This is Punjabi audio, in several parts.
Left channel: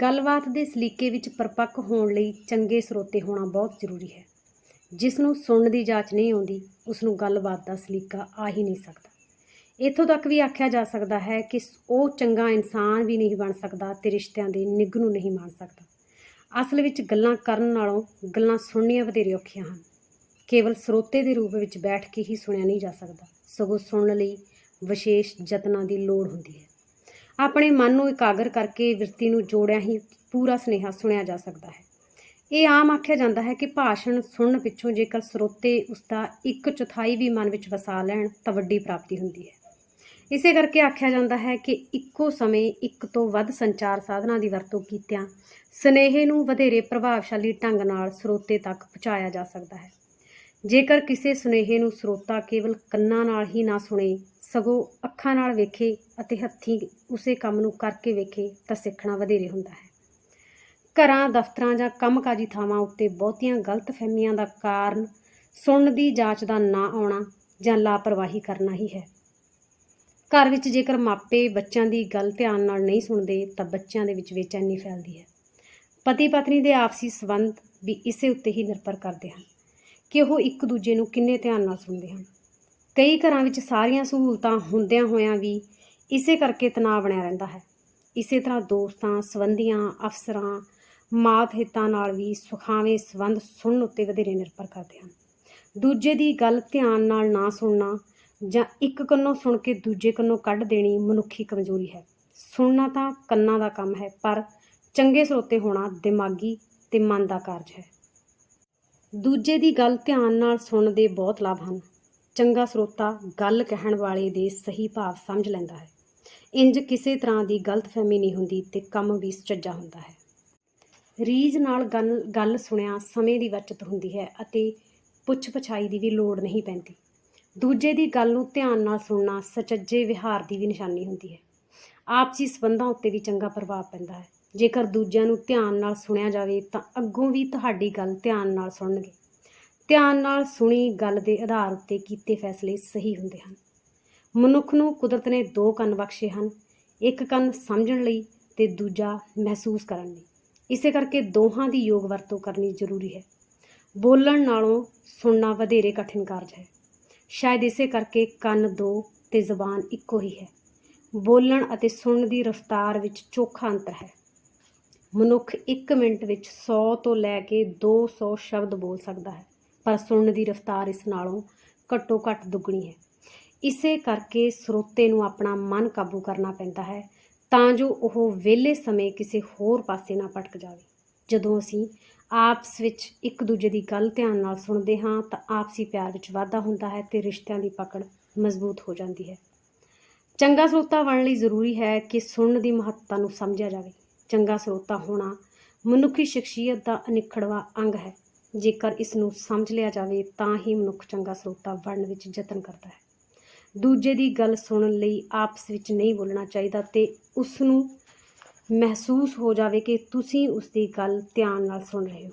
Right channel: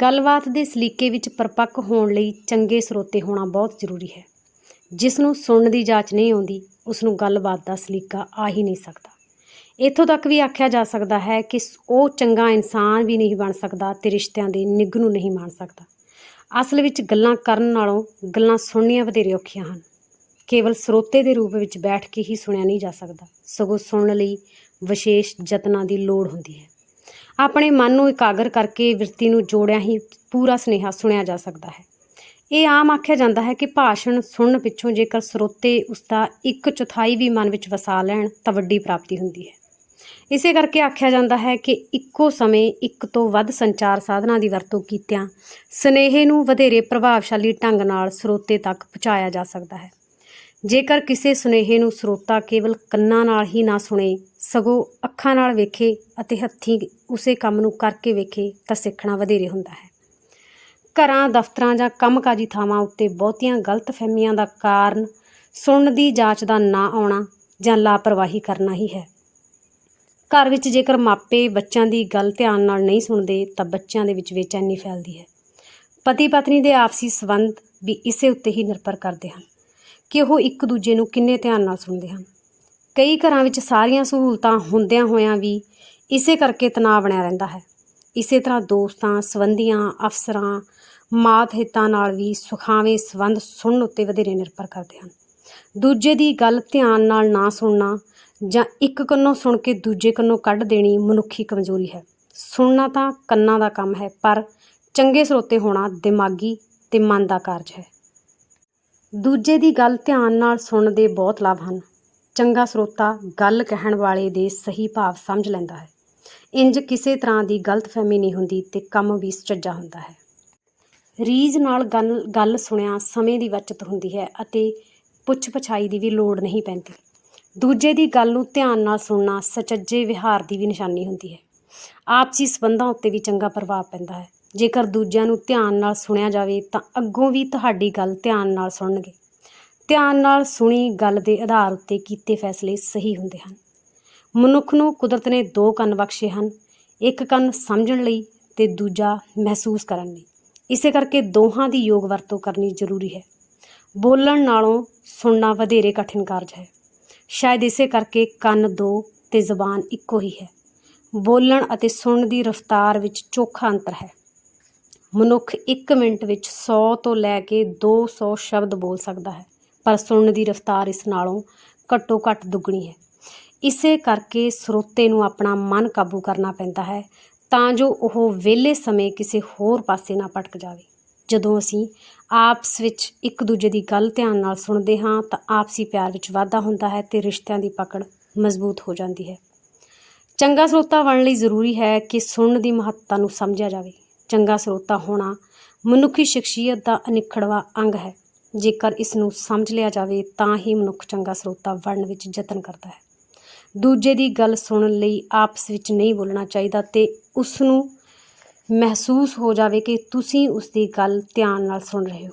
ਗੱਲਬਾਤ ਦੇ ਸਲੀਕੇ ਵਿੱਚ ਪਰਪੱਕ ਹੋਣ ਲਈ ਚੰਗੇ ਸਰੋਤੇ ਹੋਣਾ ਬਹੁਤ ਜ਼ਰੂਰੀ ਹੈ। ਜਿਸ ਨੂੰ ਸੁਣਨ ਦੀ ਜਾਂਚ ਨਹੀਂ ਆਉਂਦੀ, ਉਸ ਨੂੰ ਗੱਲਬਾਤ ਦਾ ਸਲੀਕਾ ਆ ਹੀ ਨਹੀਂ ਸਕਦਾ। ਇੱਥੋਂ ਤੱਕ ਵੀ ਆਖਿਆ ਜਾ ਸਕਦਾ ਹੈ ਕਿ ਉਹ ਚੰਗਾ ਇਨਸਾਨ ਵੀ ਨਹੀਂ ਬਣ ਸਕਦਾ ਤੇ ਰਿਸ਼ਤਿਆਂ ਦੇ ਨਿੱਘ ਨੂੰ ਨਹੀਂ ਮਾਣ ਸਕਦਾ। ਅਸਲ ਵਿੱਚ ਗੱਲਾਂ ਕਰਨ ਨਾਲੋਂ ਗੱਲਾਂ ਸੁਣਨੀਆਂ ਵਧੇਰੇ ਔਖੀਆਂ ਹਨ। ਕੇਵਲ ਸਰੋਤੇ ਦੇ ਰੂਪ ਵਿੱਚ ਬੈਠ ਕੇ ਹੀ ਸੁਣਿਆ ਨਹੀਂ ਜਾ ਸਕਦਾ। ਸਗੋਂ ਸੁਣਨ ਲਈ ਵਿਸ਼ੇਸ਼ ਯਤਨਾਂ ਦੀ ਲੋੜ ਹੁੰਦੀ ਹੈ। ਆਪਣੇ ਮਨ ਨੂੰ ਇਕਾਗਰ ਕਰਕੇ ਵਿਰਤੀ ਨੂੰ ਜੋੜਿਆ ਹੀ ਪੂਰਾ ਸੁਨੇਹਾ ਸੁਣਿਆ ਜਾ ਸਕਦਾ ਹੈ। ਇਹ ਆਮ ਆਖਿਆ ਜਾਂਦਾ ਹੈ ਕਿ ਭਾਸ਼ਣ ਸੁਣਨ ਪਿੱਛੋਂ ਜੇਕਰ ਸਰੋਤੇ ਉਸ ਦਾ ਇੱਕ ਚੌਥਾਈ ਵੀ ਮਨ ਵਿੱਚ ਵਸਾ ਲੈਣ ਤਾਂ ਵੱਡੀ ਪ੍ਰਾਪਤੀ ਹੁੰਦੀ ਹੈ। ਇਸੇ ਕਰਕੇ ਆਖਿਆ ਜਾਂਦਾ ਹੈ ਕਿ ਇੱਕੋ ਸਮੇਂ ਇੱਕ ਤੋਂ ਵੱਧ ਸੰਚਾਰ ਸਾਧਨਾਂ ਦੀ ਵਰਤੋਂ ਕੀਤਿਆਂ ਸੁਨੇਹੇ ਨੂੰ ਵਧੇਰੇ ਪ੍ਰਭਾਵਸ਼ਾਲੀ ਢੰਗ ਨਾਲ ਸਰੋਤੇ ਤੱਕ ਪਹੁੰਚਾਇਆ ਜਾ ਸਕਦਾ ਹੈ। ਜੇਕਰ ਕਿਸੇ ਸੁਨੇਹੇ ਨੂੰ ਸਰੋਤਾ ਕੇਵਲ ਕੰਨਾਂ ਨਾਲ ਹੀ ਨਾ ਸੁਣੇ, ਸਗੋਂ ਅੱਖਾਂ ਨਾਲ ਵੇਖੇ ਅਤੇ ਹੱਥੀਂ ਉਸੇ ਕੰਮ ਨੂੰ ਕਰਕੇ ਵੇਖੇ, ਤਾਂ ਸਿੱਖਣਾ ਵਧੇਰੇ ਹੁੰਦਾ ਹੈ। ਘਰਾਂ, ਦਫ਼ਤਰਾਂ ਜਾਂ ਕੰਮਕਾਜੀ ਥਾਵਾਂ ਉੱਤੇ ਬਹੁਤੀਆਂ ਗਲਤਫਹਿਮੀਆਂ ਦਾ ਕਾਰਨ ਸੁਣਨ ਦੀ ਜਾਂਚ ਦਾ ਨਾ ਆਉਣਾ ਜਾਂ ਲਾਪਰਵਾਹੀ ਕਰਨਾ ਹੀ ਹੈ। ਘਰ ਵਿੱਚ ਜੇਕਰ ਮਾਪੇ ਬੱਚਿਆਂ ਦੀ ਗੱਲ ਧਿਆਨ ਨਾਲ ਨਹੀਂ ਸੁਣਦੇ, ਤਾਂ ਬੱਚਿਆਂ ਦੇ ਵਿੱਚ ਬੇਚੈਨੀ ਫੈਲਦੀ ਹੈ। ਪਤੀ ਪਤਨੀ ਦੇ ਆਪਸੀ ਸਬੰਧ ਵੀ ਇਸੇ ਉੱਤੇ ਹੀ ਨਿਰਭਰ ਕਰਦੇ ਹਨ। ਕਿ ਉਹ ਇੱਕ ਦੂਜੇ ਨੂੰ ਕਿੰਨੇ ਧਿਆਨ ਨਾਲ ਸੁਣਦੇ ਹਨ। ਕਈ ਘਰਾਂ ਵਿੱਚ ਸਾਰੀਆਂ ਸਹੂਲਤਾਂ ਹੁੰਦਿਆਂ ਹੋਇਆਂ ਵੀ ਇਸੇ ਕਰਕੇ ਤਣਾਅ ਬਣਿਆ ਰਹਿੰਦਾ ਹੈ। ਇਸੇ ਤਰ੍ਹਾਂ ਦੋਸਤਾਂ, ਸਬੰਧੀਆਂ, ਅਫਸਰਾਂ, ਮਾਤ ਹਿੱਤਾਂ ਨਾਲ ਵੀ ਸੁਖਾਵੇਂ ਸੰਬੰਧ ਸੁਣਨ ਉੱਤੇ ਵਧੇਰੇ ਨਿਰਭਰ ਕਰਦੇ ਹਨ। ਦੂਜੇ ਦੀ ਗੱਲ ਧਿਆਨ ਨਾਲ ਨਾ ਸੁਣਨਾ ਜਾਂ ਇੱਕ ਕੰਨੋਂ ਸੁਣ ਕੇ ਦੂਜੇ ਕੰਨੋਂ ਕੱਢ ਦੇਣੀ ਮਨੁੱਖੀ ਕਮਜ਼ੋਰੀ ਹੈ। ਸੁਣਨਾ ਤਾਂ ਕੰਨਾਂ ਦਾ ਕੰਮ ਹੈ, ਪਰ ਚੰਗੇ ਸਰੋਤੇ ਹੋਣਾ ਦਿਮਾਗੀ ਤੇ ਮਨ ਦਾ ਕਾਰਜ ਹੈ। ਦੂਜੇ ਦੀ ਗੱਲ ਧਿਆਨ ਨਾਲ ਸੁਣਨ ਦੇ ਬਹੁਤ ਲਾਭ ਹਨ। ਚੰਗਾ ਸਰੋਤਾ ਗੱਲ ਕਹਿਣ ਵਾਲੇ ਦੇ ਸਹੀ ਭਾਵ ਸਮਝ ਲੈਂਦਾ ਹੈ। ਇੰਜ ਕਿਸੇ ਤਰ੍ਹਾਂ ਦੀ ਗਲਤਫਹਿਮੀ ਨਹੀਂ ਹੁੰਦੀ ਤੇ ਕੰਮ ਵੀ ਸੁਚੱਜਾ ਹੁੰਦਾ ਹੈ। ਰੀਝ ਨਾਲ ਗੱਲ ਗੱਲ ਸੁਣਿਆ ਸਮੇਂ ਦੀ ਬਚਤ ਹੁੰਦੀ ਹੈ ਅਤੇ ਪੁੱਛ ਪਛਾਈ ਦੀ ਵੀ ਲੋੜ ਨਹੀਂ ਪੈਂਦੀ। ਦੂਜੇ ਦੀ ਗੱਲ ਨੂੰ ਧਿਆਨ ਨਾਲ ਸੁਣਨਾ ਸਚੱਜੇ ਵਿਹਾਰ ਦੀ ਵੀ ਨਿਸ਼ਾਨੀ ਹੁੰਦੀ ਹੈ। ਆਪਸੀ ਸਬੰਧਾਂ ਉੱਤੇ ਵੀ ਚੰਗਾ ਪ੍ਰਭਾਵ ਪੈਂਦਾ ਹੈ। ਜੇਕਰ ਦੂਜਿਆਂ ਨੂੰ ਧਿਆਨ ਨਾਲ ਸੁਣਿਆ ਜਾਵੇ ਤਾਂ ਅੱਗੋਂ ਵੀ ਤੁਹਾਡੀ ਗੱਲ ਧਿਆਨ ਨਾਲ ਸੁਣਨਗੇ। ਧਿਆਨ ਨਾਲ ਸੁਣੀ ਗੱਲ ਦੇ ਆਧਾਰ ਉੱਤੇ ਕੀਤੇ ਫੈਸਲੇ ਸਹੀ ਹੁੰਦੇ ਹਨ। ਮਨੁੱਖ ਨੂੰ ਕੁਦਰਤ ਨੇ ਦੋ ਕੰਨ ਬਖਸ਼ੇ ਹਨ, ਇੱਕ ਕੰਨ ਸਮਝਣ ਲਈ ਤੇ ਦੂਜਾ ਮਹਿਸੂਸ ਕਰਨ ਲਈ। ਇਸੇ ਕਰਕੇ ਦੋਹਾਂ ਦੀ ਯੋਗ ਵਰਤੋਂ ਕਰਨੀ ਜ਼ਰੂਰੀ ਹੈ। ਬੋਲਣ ਨਾਲੋਂ ਸੁਣਨਾ ਵਧੇਰੇ ਕਠਿਨ ਕਾਰਜ ਹੈ। ਸ਼ਾਇਦ ਇਸੇ ਕਰਕੇ ਕੰਨ ਦੋ ਤੇ ਜ਼ੁਬਾਨ ਇੱਕੋ ਹੀ ਹੈ। ਬੋਲਣ ਅਤੇ ਸੁਣਨ ਦੀ ਰਫ਼ਤਾਰ ਵਿੱਚ ਚੋਖਾ ਅੰਤਰ ਹੈ। ਮਨੁੱਖ 1 ਮਿੰਟ ਵਿੱਚ 100 ਤੋਂ ਲੈ ਕੇ 200 ਸ਼ਬਦ ਬੋਲ ਸਕਦਾ ਹੈ, ਪਰ ਸੁਣਨ ਦੀ ਰਫ਼ਤਾਰ ਇਸ ਨਾਲੋਂ ਘੱਟੋ ਘੱਟ ਦੁੱਗਣੀ ਹੈ। ਇਸੇ ਕਰਕੇ ਸਰੋਤੇ ਨੂੰ ਆਪਣਾ ਮਨ ਕਾਬੂ ਕਰਨਾ ਪੈਂਦਾ ਹੈ ਤਾਂ ਜੋ ਉਹ ਵਿਹਲੇ ਸਮੇਂ ਕਿਸੇ ਹੋਰ ਪਾਸੇ ਨਾ ਭਟਕ ਜਾਵੇ। ਜਦੋਂ ਅਸੀਂ ਆਪਸ ਵਿੱਚ ਇੱਕ ਦੂਜੇ ਦੀ ਗੱਲ ਧਿਆਨ ਨਾਲ ਸੁਣਦੇ ਹਾਂ ਤਾਂ ਆਪਸੀ ਪਿਆਰ ਵਿੱਚ ਵਾਧਾ ਹੁੰਦਾ ਹੈ ਤੇ ਰਿਸ਼ਤਿਆਂ ਦੀ ਪਕੜ ਮਜ਼ਬੂਤ ਹੋ ਜਾਂਦੀ ਹੈ। ਚੰਗਾ ਸਰੋਤਾ ਬਣਨ ਲਈ ਜ਼ਰੂਰੀ ਹੈ ਕਿ ਸੁਣਨ ਦੀ ਮਹੱਤਤਾ ਨੂੰ ਸਮਝਿਆ ਜਾਵੇ। ਚੰਗਾ ਸਰੋਤਾ ਹੋਣਾ ਮਨੁੱਖੀ ਸ਼ਖਸੀਅਤ ਦਾ ਅਨਿਖੜਵਾ ਅੰਗ ਹੈ। ਜੇਕਰ ਇਸ ਨੂੰ ਸਮਝ ਲਿਆ ਜਾਵੇ, ਤਾਂ ਹੀ ਮਨੁੱਖ ਚੰਗਾ ਸਰੋਤਾ ਬਣਨ ਵਿੱਚ ਯਤਨ ਕਰਦਾ ਹੈ। ਦੂਜੇ ਦੀ ਗੱਲ ਸੁਣਨ ਲਈ ਆਪਸ ਵਿੱਚ ਨਹੀਂ ਬੋਲਣਾ ਚਾਹੀਦਾ ਤੇ ਉਸ ਨੂੰ ਮਹਿਸੂਸ ਹੋ ਜਾਵੇ ਕਿ ਤੁਸੀਂ ਉਸ ਦੀ ਗੱਲ ਧਿਆਨ ਨਾਲ ਸੁਣ ਰਹੇ ਹੋ।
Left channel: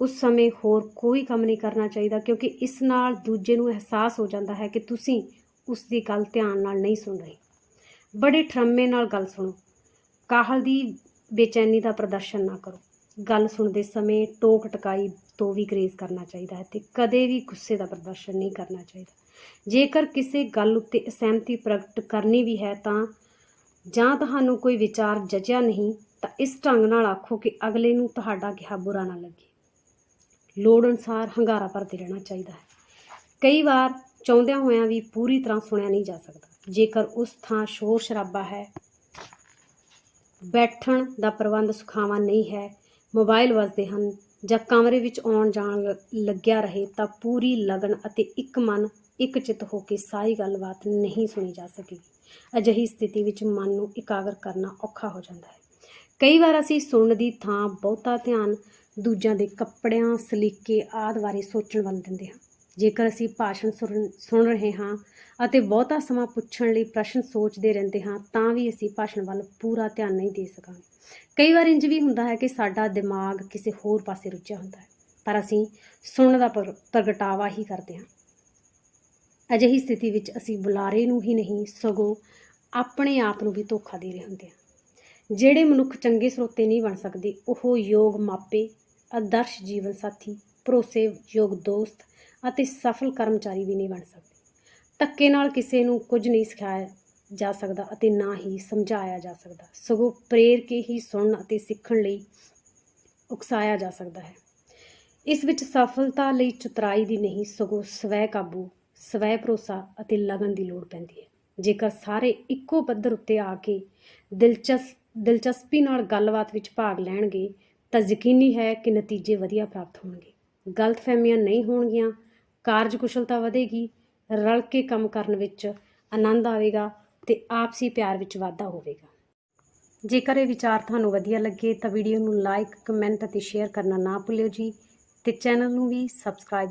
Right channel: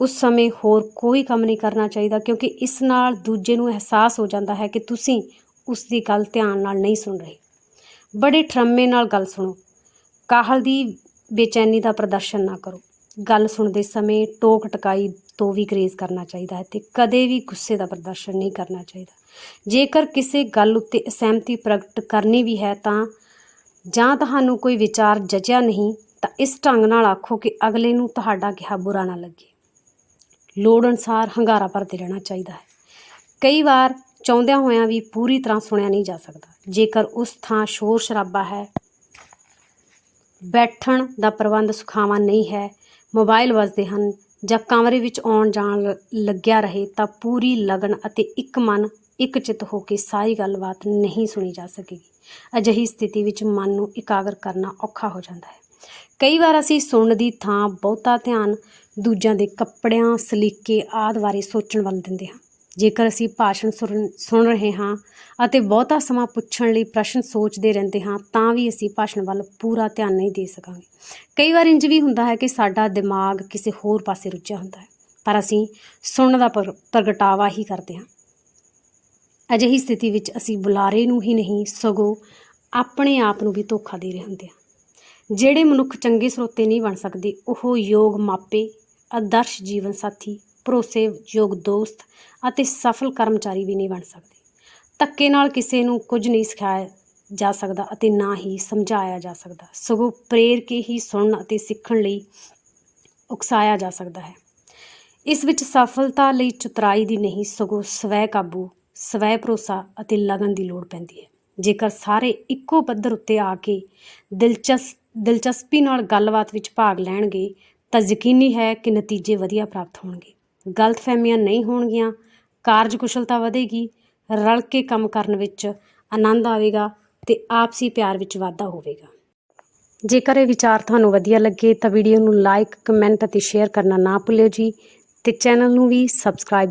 ਉਸ ਸਮੇਂ ਹੋਰ ਕੋਈ ਕੰਮ ਨਹੀਂ ਕਰਨਾ ਚਾਹੀਦਾ ਕਿਉਂਕਿ ਇਸ ਨਾਲ ਦੂਜੇ ਨੂੰ ਅਹਿਸਾਸ ਹੋ ਜਾਂਦਾ ਹੈ ਕਿ ਤੁਸੀਂ ਉਸ ਦੀ ਗੱਲ ਧਿਆਨ ਨਾਲ ਨਹੀਂ ਸੁਣ ਰਹੇ। ਬੜੇ ਠਰਮੇ ਨਾਲ ਗੱਲ ਸੁਣੋ। ਕਾਹਲ ਦੀ ਬੇਚੈਨੀ ਦਾ ਪ੍ਰਦਰਸ਼ਨ ਨਾ ਕਰੋ। ਗੱਲ ਸੁਣਦੇ ਸਮੇਂ ਟੋਕ ਟਕਾਈ ਤੋਂ ਵੀ ਗਰੇਜ਼ ਕਰਨਾ ਚਾਹੀਦਾ ਹੈ ਤੇ ਕਦੇ ਵੀ ਗੁੱਸੇ ਦਾ ਪ੍ਰਦਰਸ਼ਨ ਨਹੀਂ ਕਰਨਾ ਚਾਹੀਦਾ। ਜੇਕਰ ਕਿਸੇ ਗੱਲ ਉੱਤੇ ਅਸਹਿਮਤੀ ਪ੍ਰਗਟ ਕਰਨੀ ਵੀ ਹੈ ਤਾਂ ਜਾਂ ਤੁਹਾਨੂੰ ਕੋਈ ਵਿਚਾਰ ਜਚਿਆ ਨਹੀਂ, ਤਾਂ ਇਸ ਢੰਗ ਨਾਲ ਆਖੋ ਕਿ ਅਗਲੇ ਨੂੰ ਤੁਹਾਡਾ ਕਿਹਾ ਬੁਰਾ ਨਾ ਲੱਗੇ। ਲੋੜ ਅਨਸਾਰ ਹੰਗਾਰਾ ਭਰਦੇ ਰਹਿਣਾ ਚਾਹੀਦਾ ਹੈ। ਕਈ ਵਾਰ ਚਾਹੁੰਦਿਆਂ ਹੋਇਆਂ ਵੀ ਪੂਰੀ ਤਰ੍ਹਾਂ ਸੁਣਿਆ ਨਹੀਂ ਜਾ ਸਕਦਾ। ਜੇਕਰ ਉਸ ਥਾਂ ਸ਼ੋਰ ਸ਼ਰਾਬਾ ਹੈ ਬੈਠਣ ਦਾ ਪ੍ਰਬੰਧ ਸੁਖਾਵਾਂ ਨਹੀਂ ਹੈ। ਮੋਬਾਈਲ ਵੱਜਦੇ ਹਨ। ਜਾਂ ਕਮਰੇ ਵਿੱਚ ਆਉਣ ਜਾਣ ਲ- ਲੱਗਿਆ ਰਹੇ ਤਾਂ ਪੂਰੀ ਲਗਨ ਅਤੇ ਇੱਕ ਮਨ ਇੱਕ ਚਿੱਤ ਹੋ ਕੇ ਸਾਰੀ ਗੱਲਬਾਤ ਨਹੀਂ ਸੁਣੀ ਜਾ ਸਕੇਗੀ। ਅਜਿਹੀ ਸਥਿਤੀ ਵਿੱਚ ਮਨ ਨੂੰ ਇਕਾਗਰ ਕਰਨਾ ਔਖਾ ਹੋ ਜਾਂਦਾ ਹੈ। ਕਈ ਵਾਰ ਅਸੀਂ ਸੁਣਨ ਦੀ ਥਾਂ, ਬਹੁਤਾ ਧਿਆਨ, ਦੂਜਿਆਂ ਦੇ ਕੱਪੜਿਆਂ, ਸਲੀਕੇ ਆਦਿ ਬਾਰੇ ਸੋਚਣ ਵੱਲ ਦਿੰਦੇ ਹਾਂ। ਜੇਕਰ ਅਸੀਂ ਭਾਸ਼ਣ ਸੁਣ ਸੁਣ ਰਹੇ ਹਾਂ ਅਤੇ ਬਹੁਤਾ ਸਮਾਂ ਪੁੱਛਣ ਲਈ ਪ੍ਰਸ਼ਨ ਸੋਚਦੇ ਰਹਿੰਦੇ ਹਾਂ, ਤਾਂ ਵੀ ਅਸੀਂ ਭਾਸ਼ਣ ਵੱਲ ਪੂਰਾ ਧਿਆਨ ਨਹੀਂ ਦੇ ਸਕਾਂਗੇ। ਕਈ ਵਾਰ ਇੰਜ ਵੀ ਹੁੰਦਾ ਹੈ ਕਿ ਸਾਡਾ ਦਿਮਾਗ ਕਿਸੇ ਹੋਰ ਪਾਸੇ ਰੁੱਝਿਆ ਹੁੰਦਾ ਹੈ, ਪਰ ਅਸੀਂ ਸੁਣਨ ਦਾ ਪਰ- ਪ੍ਰਗਟਾਵਾ ਹੀ ਕਰਦੇ ਹਾਂ। ਅਜਿਹੀ ਸਥਿਤੀ ਵਿੱਚ ਅਸੀਂ ਬੁਲਾਰੇ ਨੂੰ ਹੀ ਨਹੀਂ, ਸਗੋਂ ਆਪਣੇ ਆਪ ਨੂੰ ਵੀ ਧੋਖਾ ਦੇ ਰਹੇ ਹੁੰਦੇ ਹਾਂ। ਜਿਹੜੇ ਮਨੁੱਖ ਚੰਗੇ ਸਰੋਤੇ ਨਹੀਂ ਬਣ ਸਕਦੇ, ਉਹ ਯੋਗ ਮਾਪੇ, ਆਦਰਸ਼ ਜੀਵਨ ਸਾਥੀ ਭਰੋਸੇਯੋਗ ਦੋਸਤ ਅਤੇ ਸਫਲ ਕਰਮਚਾਰੀ ਵੀ ਨਹੀਂ ਬਣ ਸਕਦੇ। ਧੱਕੇ ਨਾਲ ਕਿਸੇ ਨੂੰ ਕੁਝ ਨਹੀਂ ਸਿਖਾਇਆ ਜਾ ਸਕਦਾ ਅਤੇ ਨਾ ਹੀ ਸਮਝਾਇਆ ਜਾ ਸਕਦਾ। ਸਗੋਂ ਪ੍ਰੇਰ ਕੇ ਹੀ ਸੁਣਨ ਅਤੇ ਸਿੱਖਣ ਲਈ ਉਕਸਾਇਆ ਜਾ ਸਕਦਾ ਹੈ। ਇਸ ਵਿੱਚ ਸਫਲਤਾ ਲਈ ਚਤੁਰਾਈ ਦੀ ਨਹੀਂ, ਸਗੋਂ ਸਵੈ ਕਾਬੂ, ਸਵੈ ਭਰੋਸਾ ਅਤੇ ਲਗਨ ਦੀ ਲੋੜ ਪੈਂਦੀ ਹੈ। ਜੇਕਰ ਸਾਰੇ ਇੱਕੋ ਪੱਧਰ ਉੱਤੇ ਆ ਕੇ ਦਿਲਚਸ, ਦਿਲਚਸਪੀ ਨਾਲ ਗੱਲਬਾਤ ਵਿੱਚ ਭਾਗ ਲੈਣਗੇ, ਤਾਂ ਯਕੀਨੀ ਹੈ ਕਿ ਨਤੀਜੇ ਵਧੀਆ ਪ੍ਰਾਪਤ ਹੋਣਗੇ। ਗਲਤਫਹਿਮੀਆਂ ਨਹੀਂ ਹੋਣਗੀਆਂ ਕਾਰਜਕੁਸ਼ਲਤਾ ਵਧੇਗੀ, ਰਲ ਕੇ ਕੰਮ ਕਰਨ ਵਿੱਚ ਆਨੰਦ ਆਵੇਗਾ ਤੇ ਆਪਸੀ ਪਿਆਰ ਵਿੱਚ ਵਾਧਾ ਹੋਵੇਗਾ। ਜੇਕਰ ਇਹ ਵਿਚਾਰ ਤੁਹਾਨੂੰ ਵਧੀਆ ਲੱਗੇ ਤਾਂ ਵੀਡੀਓ ਨੂੰ ਲਾਈਕ ਕਮੈਂਟ ਅਤੇ ਸ਼ੇਅਰ ਕਰਨਾ ਨਾ ਭੁੱਲਿਓ ਜੀ ਤੇ ਚੈਨਲ ਨੂੰ ਵੀ ਸਬਸਕ੍ਰਾਈਬ